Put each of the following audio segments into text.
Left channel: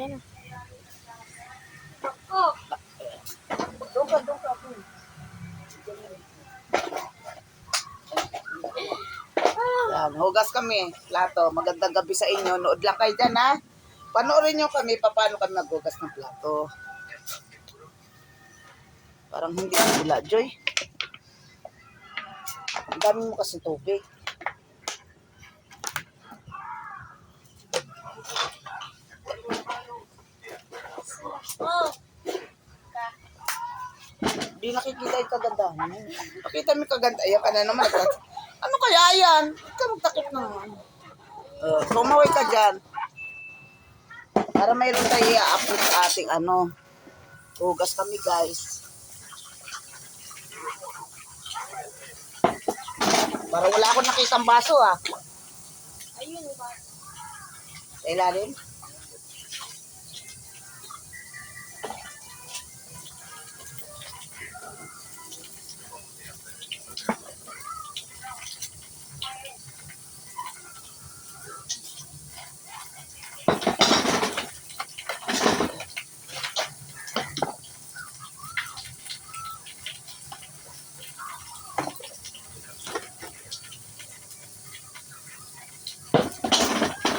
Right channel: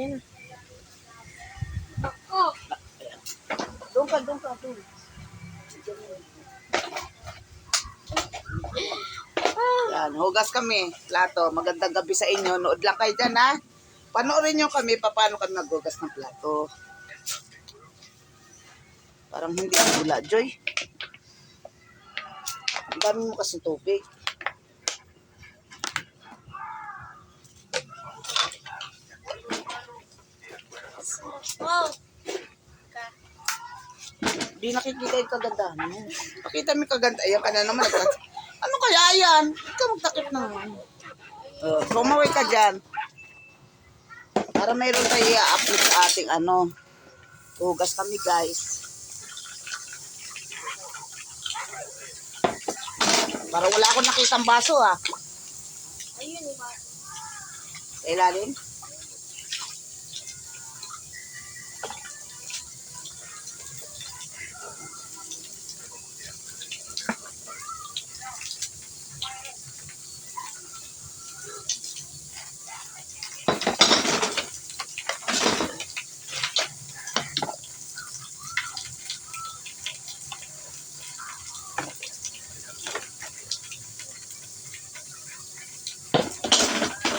Ayan na. Oh. Doon ka. Yan, hugas kami. Plato. Magandang gabi sa inyo. Nood lang kayo dyan, ha? Panoorin nyo kami paano kami naghugas ng plato. Parang hindi bula, Joy. Ang dami mo kasi tubig. Oh. Di nakikita yung kagandahan mo. Pakita mo yung kaganda. Ayan ka na naman. Ano kaya yan? Ikaw magtakip naman. Kumaway ka dyan. Para mayroon tayo i-upload sa ating hugas kami, guys. Para wala akong nakitang baso, ha. Ayun, iba. Sa ilalim.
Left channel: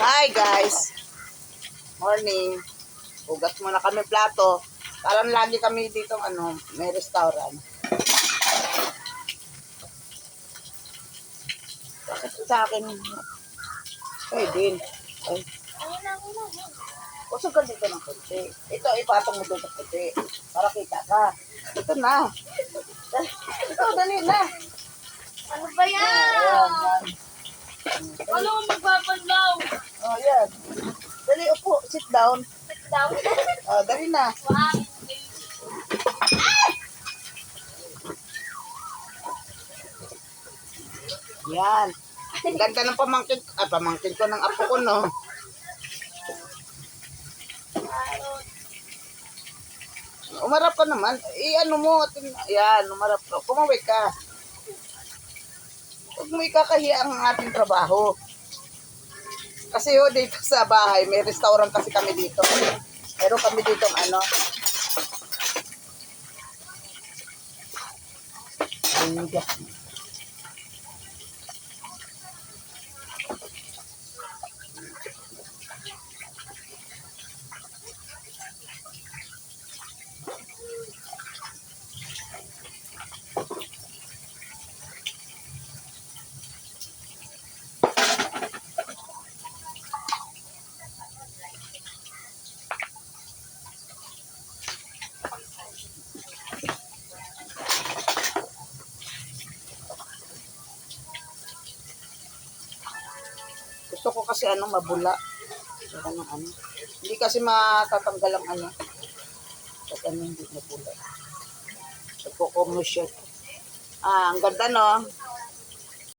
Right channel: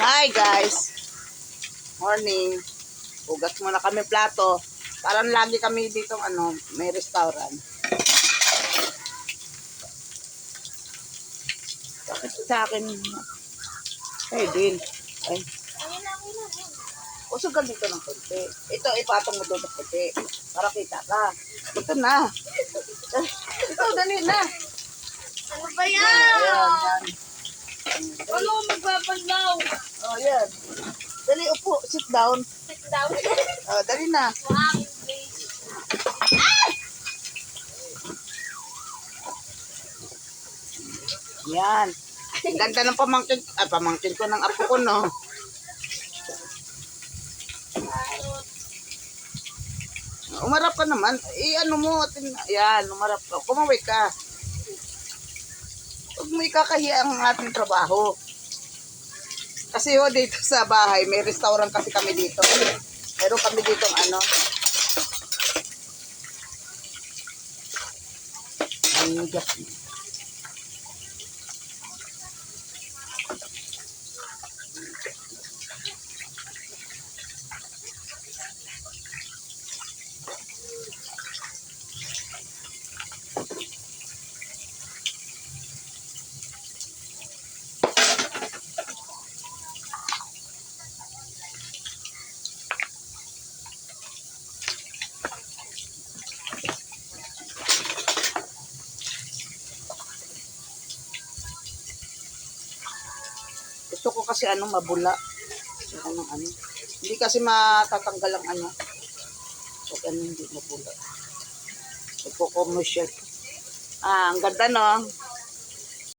Hi guys! Morning! Hugas muna kami plato. Parang lagi kami dito may restaurant. Bakit sa akin? Ay, din. Ay. Ayun na. Usugan dito ng konti. Ito, ipatong mo doon ng konti. Para kita ka. Ito na. Ito, dali na. Ano ba yan? Ayan. Ano magpapanlaw? Oh, yan. Dali, upo. Sit down. Sit down. Dali na. Wow. Yan. Ang ganda ng pamangkin ko ng apo ko, no? Umarap ka naman. Yan, umarap ka. Kumaway ka. Huwag mo ikakahiya ang ating trabaho. Kasi dito sa bahay, may restaurant kasi kami dito. Meron kami dito gusto ko kasi mabula. Hindi kasi matatanggal ang pag hindi mabula. Nagko-commercial. Ang ganda, no?